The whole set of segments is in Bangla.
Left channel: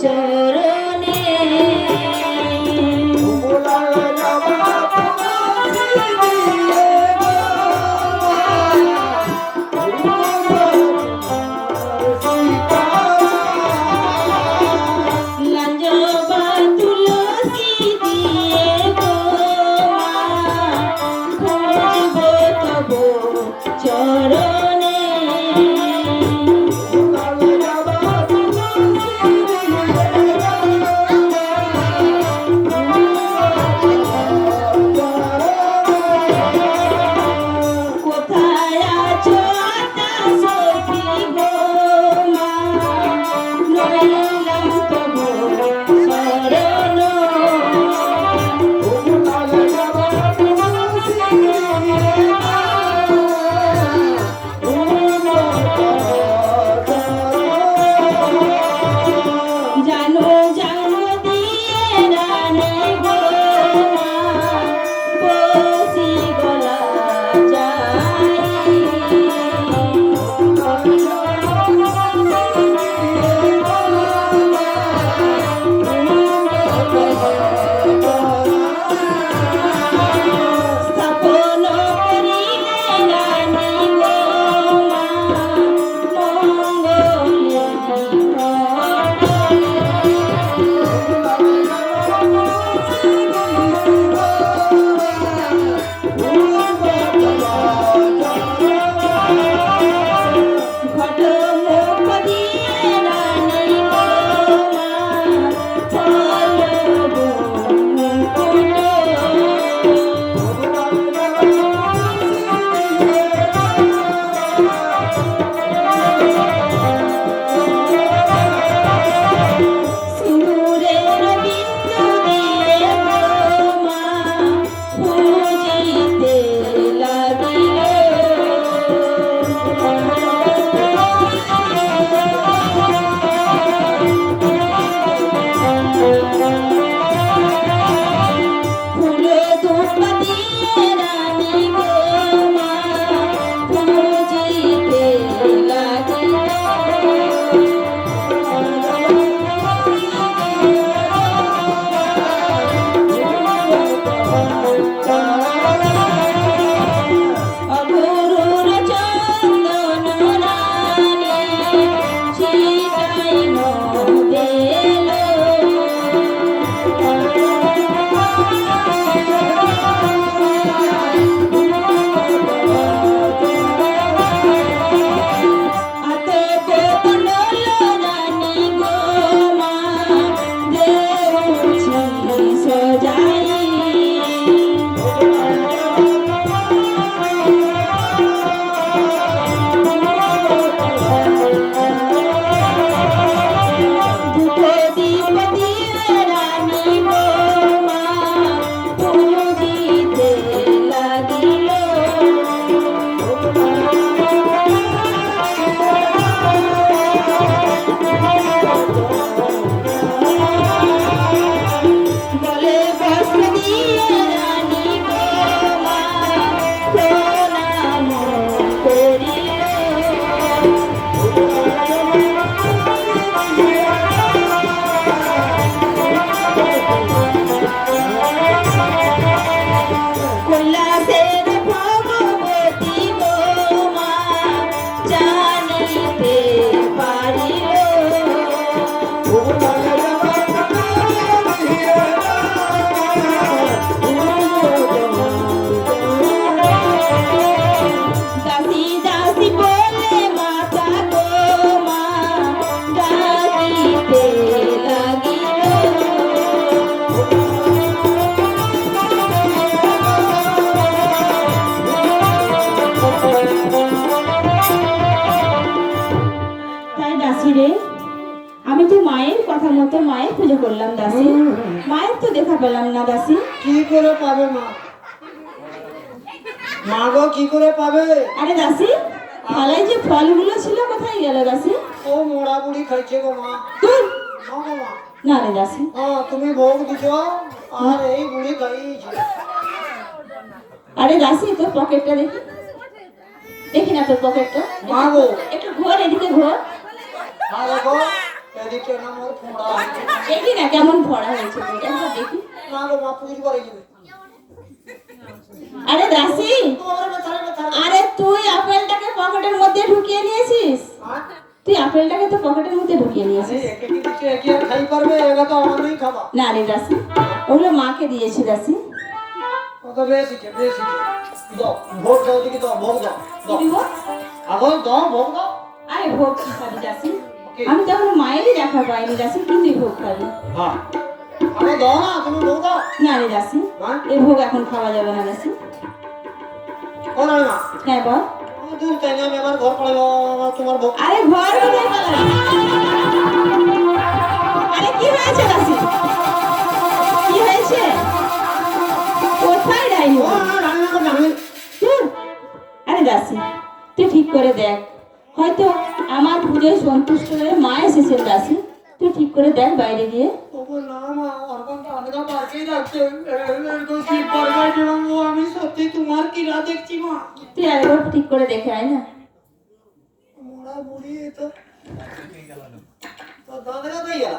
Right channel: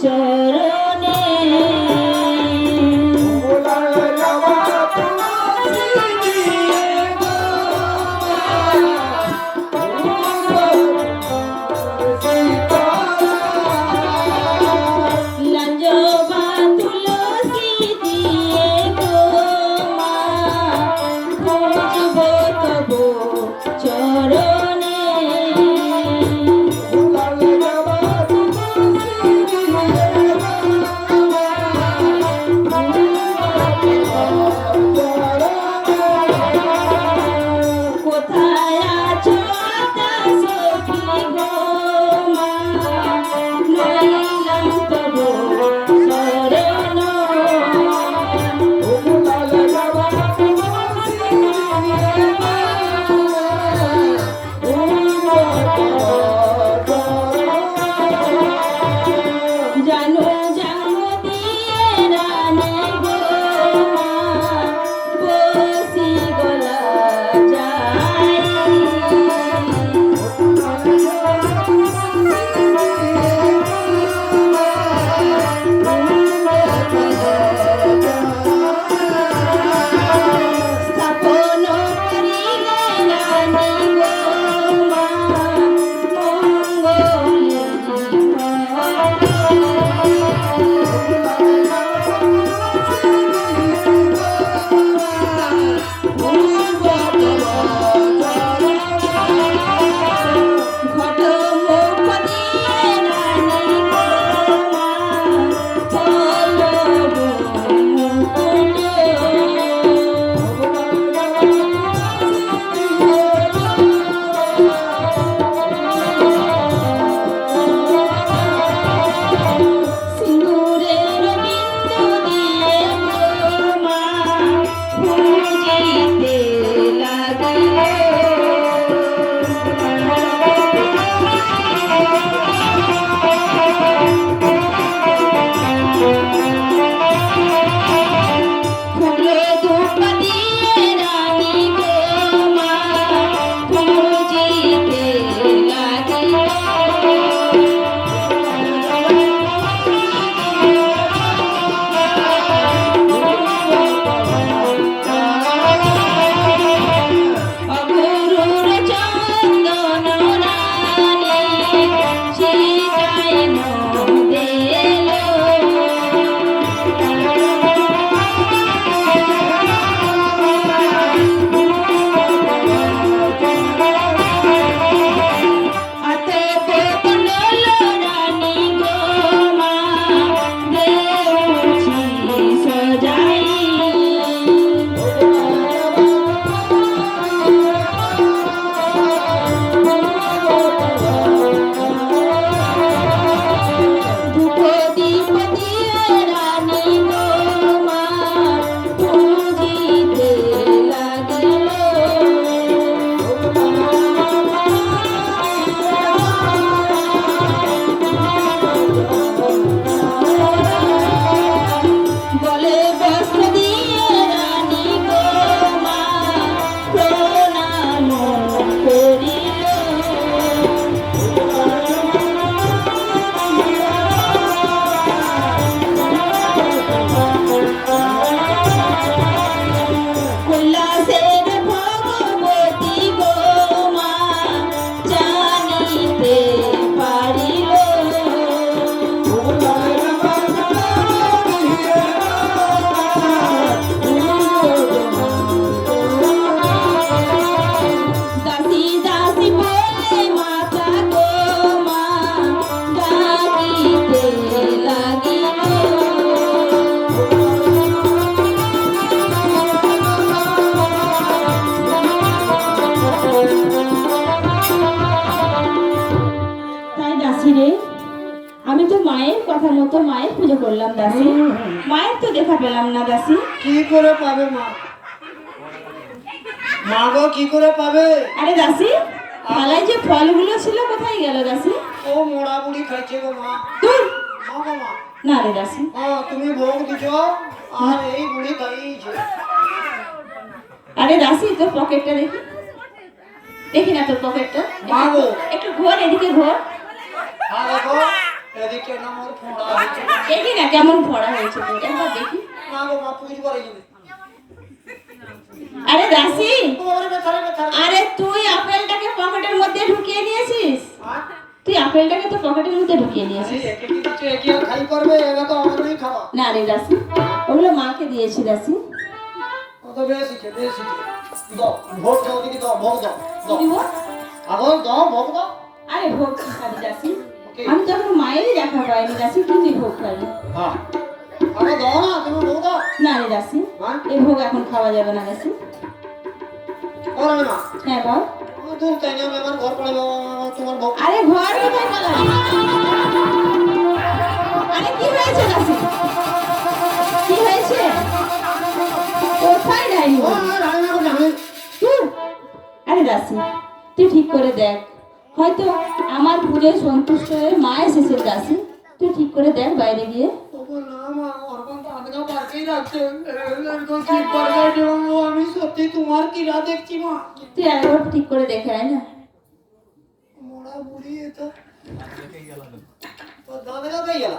চরণে লাঞ্জবা তুলসী দিয়ে গো মা খুঁজবো তব চরণে কোথায় আছো আতা সখী গো মা নইলাম তব শরণ জানো জাঙ্গ দিয়ে রানী গো মা বসি গলা যায় স্থাপন করিলে রানী গো মা মঙ্গলে ঘট মুখ দিয়ে রানী গো মা পলব মুকুট সিঁদুরের বিন্দু দিয়ে গো মা পূজিতে লাগিল ফুল ধূপ দিয়ে রানী গো মা পূজিতে লাগিল অগুরুর চন্দন রানী চিতাইন দেল হাতে বনল রানী গো মা দেউছি সজাই ধূপ দীপ দিয়ে রানী গো মা পূজিতে লাগিল গলে বস্ত্র দিয়ে রানী গো মা প্রণাম করিল কৈলাসের ভগবতী গো মা জানিতে পারিল দাসী দাসী বলে মাতা গো মা ডাকিতে লাগিল তাই দাসী রে আমি তো মায়ের কথা মতো মায়ের পুজো করলাম দাসী মায়ের তো দেখা পেলাম না দাসী কি করে পাবে মা? মা গো কি করে পাবে? আরে দাসী থালায় যে ফলগুলো ছিল কোথায় গেল দাসী ও মোড়া বুড়ি খাইছে গো মা। দূর মা গো মা। না রে দাসী তুমি ভোগ দিছ আর এই বুড়ি খাইছে। আরে দাসী তোর পকেটটা দেখি দেখি না তোর পকেটটা মা গো একটু ঘোর এদিকে ঘোর দেখো এদিকে কেন মোর ফোড়া হয়েছে? দেখি না কেমন ভরা হয়েছে তোর, একবার দেখি। না গো মা পুজো করে যাবে। আরে দাসি, তোমার ব্যথারে ব্যথা। আরে তুই আপেলটাকে পকেটের মধ্যে ঢুকিয়ে নিয়েছিস। আর তুই আপেলটাকে তো পকেটের মধ্যে ঢুকিয়ে আরে নিয়েছিস। একে কি কিছু একে আর খাই পারবে? এবার তো আমারই খাওয়া। না রে দাসি, ওগুলো মাকে দিয়েছি দাসি। কত বেশি খে, বেশি খে। দাও, ভোগ দাও দেখি দাও, ভোগ দাও। কি দাও। দিব? আগল দাও, ভোগ দাও। আরে ভোগ খাবি দাসি। ওকে। আমি তো এখন মায়েরই দেখা পাইনি দাসি, কি তুই ভোগ খাবি? হ্যাঁ। আরে দাও না, তুমি ভোগ দাও। না রে দাসি, হ্যাঁ? এই ভোগ এখন খাওয়া যাবে না দাসি। ও রানীমা, হ্যাঁ বল। ও দূর তাই না, আমি আমার ঘর পালাবো, আমার তোমার ভোগ। আরে ঘর কোথায় পালাবি? আরে কি হয়েছে দাসি? কি হয়েছে? কোথায় ডাইনি? ও রানীমা তো জানেন। ধুর। আরে দাসি, তুই ঠিক করে দেখ, হয়তো আমার পুজোয় সন্তুষ্ট হয়ে মা এসেছে দাসি। তুই ঠিক করে দেখ বাইরে গিয়ে। ওগো না মা, অর্পণটা আটকা পারকেই রাখছে। এরকম কি করবে এবং ও আমি সত্যি তোমার কি রাত দেখছি মা। তুই আরেকবার ঠিক করে দেখে আয় না। মোড়া বুড়ি এ তো তো দাদা কোথায় গেল?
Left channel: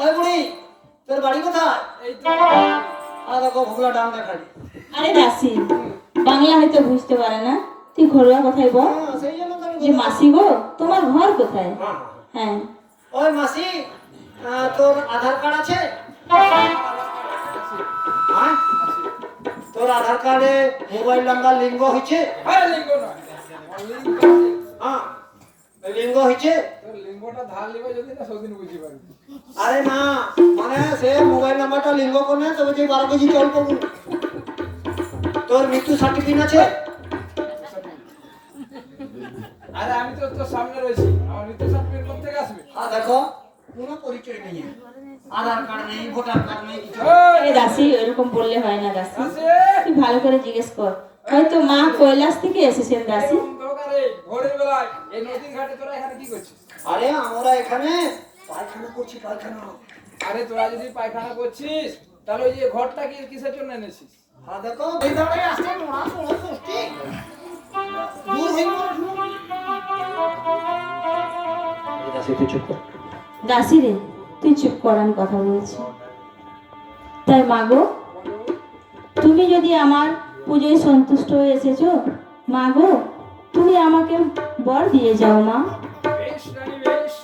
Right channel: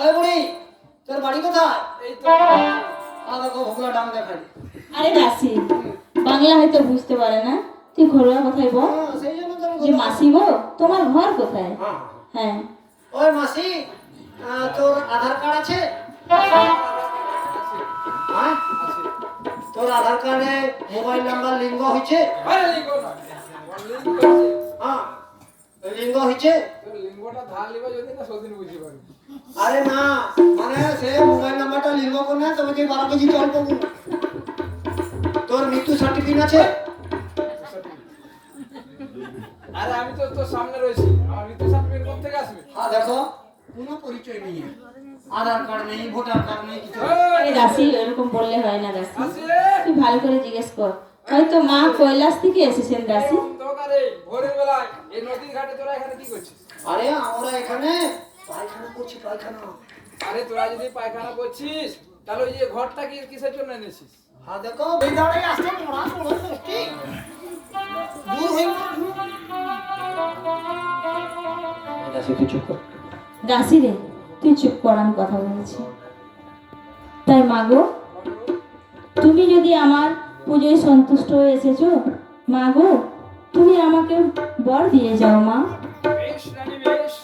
ওই বুড়ি, তোর বাড়ি কোথায়? এই তো দেখো ভোগলা ডাং দেখাই। আরে দাসি, বাংলা হয়তো বুঝতে পারে না, তুই ঘরোয়া কথাই বল। হ্যাঁ সেই জন্য তো আমি যে মাসি গো, তোমার ঘর কোথায়? হ্যাঁ হ্যাঁ। ওই মাসি, তোর আধার কার্ড আছে? হ্যাঁ? তোর আধার কার্ডে মোবাইল নাম্বার লিঙ্গ হয়েছে? আরে লিঙ্গ নয়, লিঙ্গ আছে। হ্যাঁ ওই লিঙ্গ হয়েছে? তোর লিঙ্গটা ধার লিবা যদি না সেদিন বুঝতে পারবি। আরে না, মানে সে মোবাইল নাম্বারটা লিঙ্গ করে তবে তুই 12 কেজি জল পাবো। তোর মৃত্যু সার্টিফিকেট আছে? আরে আমি তো তোর সামনে রয়েছি, আমার মৃত্যু সার্টিফিকেট কোথা থেকে আসবে? হ্যাঁ দেখো, কোনো পরিচয় নেই, আধার কার্ড নেই, ভোটার কার্ড নেই, কিছু নেই। আরে দাসি, এরকম বললে হয় না দাসি। আসে তুই ভালো করে জিজ্ঞেস কর, হয়তো মা কৈলাস থেকে এসেছেন দাসি। দোকানে ভোরের বেলায় এই নদীর ঘাটে তোরা এখানে কি করছিস? আরে আমরা এখানে পায়খানা করছি, পায়খানা। আরে তোরা যদি পায়খানা করছিস তাহলে ওই যে ঘরটা কি কিসের জন্য এনেছিস? হ্যাঁ দেখো, এই দাঁড়িয়ে আসছে মোড়া মোড়া করছি। দূর হয়ে গেল। দাসি তুই চুপ কর। দাসি রে, তুই চুপ কর, আমি কথা বলছি। তাই মা গো, তুমি যদি আমার পুজোয় সন্তুষ্ট হয়ে এসেছো, মা গো তুমি আমাকে বর দিয়ে যাও মা। বেশ রানী বেশ,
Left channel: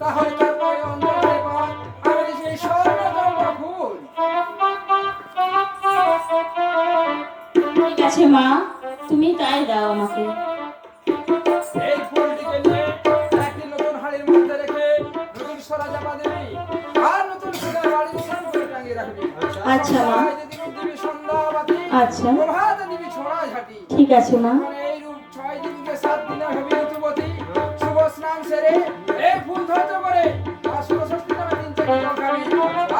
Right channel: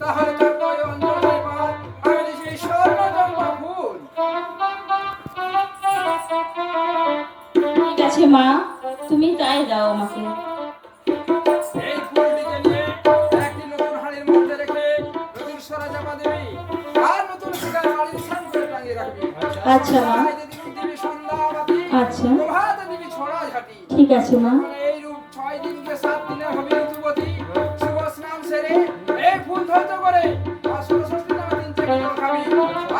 তাহলে তার নয় অঞ্চল পার আমি দিছি এই স্বর্ণচম্পা ফুল। ঠিক আছে মা, তুমি তাই দাও আমাকে। এই ফুলটিকে নিয়ে একটি নতুন হাড়ির মধ্যে রেখে নতুন সরা চাপা দিবি আর নতুন সুরা বাড়ির সামনে টাঙিয়ে রাখবি। আচ্ছা মা। সন্ধ্যায় দিবি সন্ধ্যাবাতি, আচ্ছা। প্রভাতে দিবি ছোড়া ঝাঁটি। ঠিক আছে মা। এই রূপ 6 দিনকে 7 দিনে হবি ঋতুবতী। শুভ স্নান সেরে এই ফুল ধৈর্য করে আর ষষ্ঠী নামে 3-4 দিন খাবি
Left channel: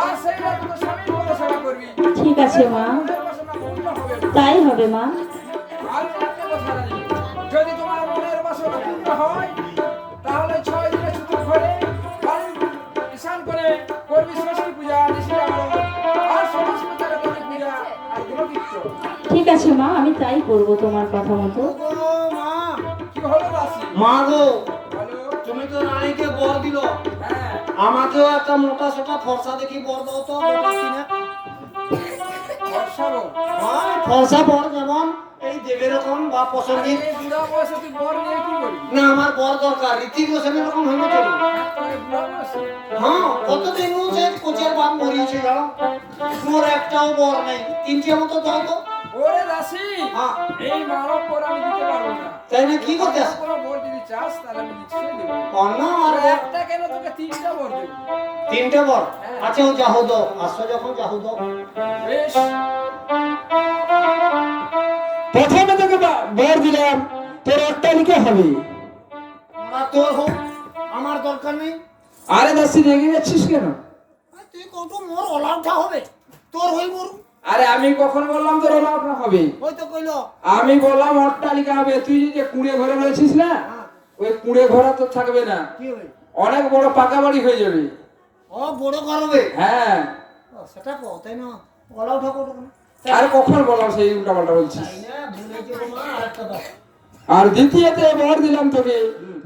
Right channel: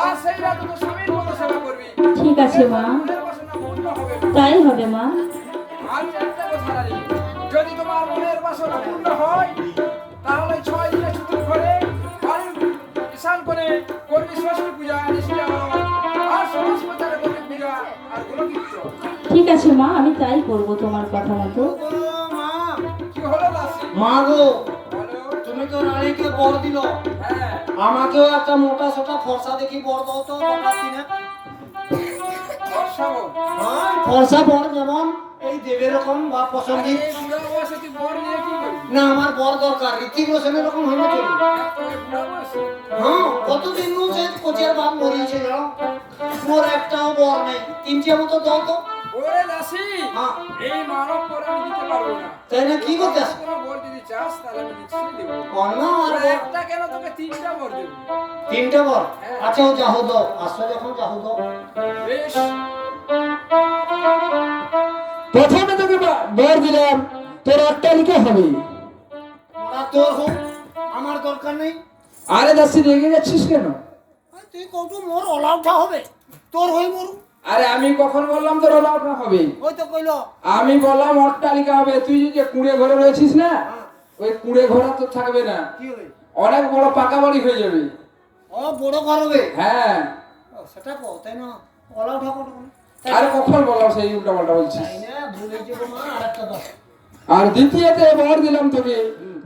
আর সেই রাতে তো স্বামীর পদ সেবা করবি। ঠিক আছে মা, মনের বাসনা পূর্ণ হবে না। তাই হবে মা। আমি একটা কথা রাজি, যদি তোমার মনের বাসনা পূর্ণ হয় তাহলে 6 দিনে ছুটি করে বাড়ি স্নান করে করবি ষষ্ঠী পূজা, ঋষি আগমন আর সমস্ত প্রচারে করবি পূজা আর গুণকীর্তন। ঠিক আছে মা, আমি তাই করব তোমার কথা মতো। ও মা, কি হলো দাসি? মা গো, বলো। তুমি তো রানীকে বর দিল, হ্যাঁ, আমাকেও একটা মোটা সোটা ফর্সা দেখি বর দাও তো গোটা দিনে। বর্ষা বল। হ্যাঁ ফর্সা বর যেমন এই দেবের রকম বা আরে পছন্দের। এই বুড়া বয়সে তুই বর নিয়ে কি করবি? না আমার বর দরকার, ঋতিক রোশনের রকম হইবে চলবে। তুই বুড়া বয়সে? হ্যাঁ কতদিন সে কোচের বাপ মরিয়েছে জানো, মোর একটাও বর নেই, 3টে মতো দাও তো। ওরে দাসি, হ্যাঁ এই মানব বর আমি দিতে পারবো না। তাই না, কি করতে আর আসে? কোনো বর যদি চাস তাহলে আমি নিশ্চয়ই দেবো। অন্য আর আর বর, একটা কেন, তোকে 3টা বর দেবো। 3টে বর। আচ্ছা ও যাহো দাও, আসো যখন যাহো দাও। বেশ, প্রথমে তোকে বর দিলাম, তোর অট্টালিকা হবে। ওরা তোর হোক, আমার দরকার নেই। আরে দাসি রেগে যাচ্ছিস কেন? তুই কত মোর অলাউটা হবে, তোর হই মোর। আরে আমি কখন বললাম তোর অলাউটা হবে? ওই তো কইলো। আমি বললাম অট্টালিকা হবে। তুই যে কুঁড়ে ঘরে রয়েছিস না, ওই কুঁড়ে ঘর তোর থাকবে না, কি হবে? অনেক বড় পাকা বাড়ি হয়ে যাবে। ও বড় ঘর হবে। হ্যাঁ। ও, সেটা কো তাই না, অলাউটা কত? আরে কখন বললাম সেই উল্টা পাল্টা বলছিস? তাই না, ভুলে যাবো মা, আরেকটা দাও। আর দ্বিতীয়তে বর দিলাম তোকে,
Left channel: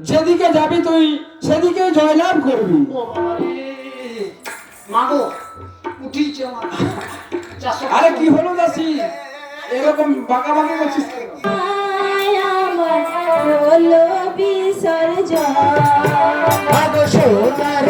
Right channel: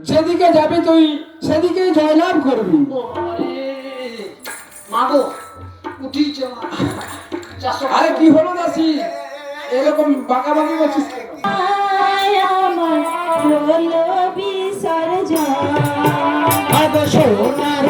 যেদিকে যাবি তুই সেদিকেই জয়লাভ করবি। ও বাবা রে, মাগো উঠিছে আমার 400 আরে কি হলো দাসি, এরকম বাঁকাবাঁকি করছিস কেন? আয় আমার হলো বিসর্জন। মাগো সোনার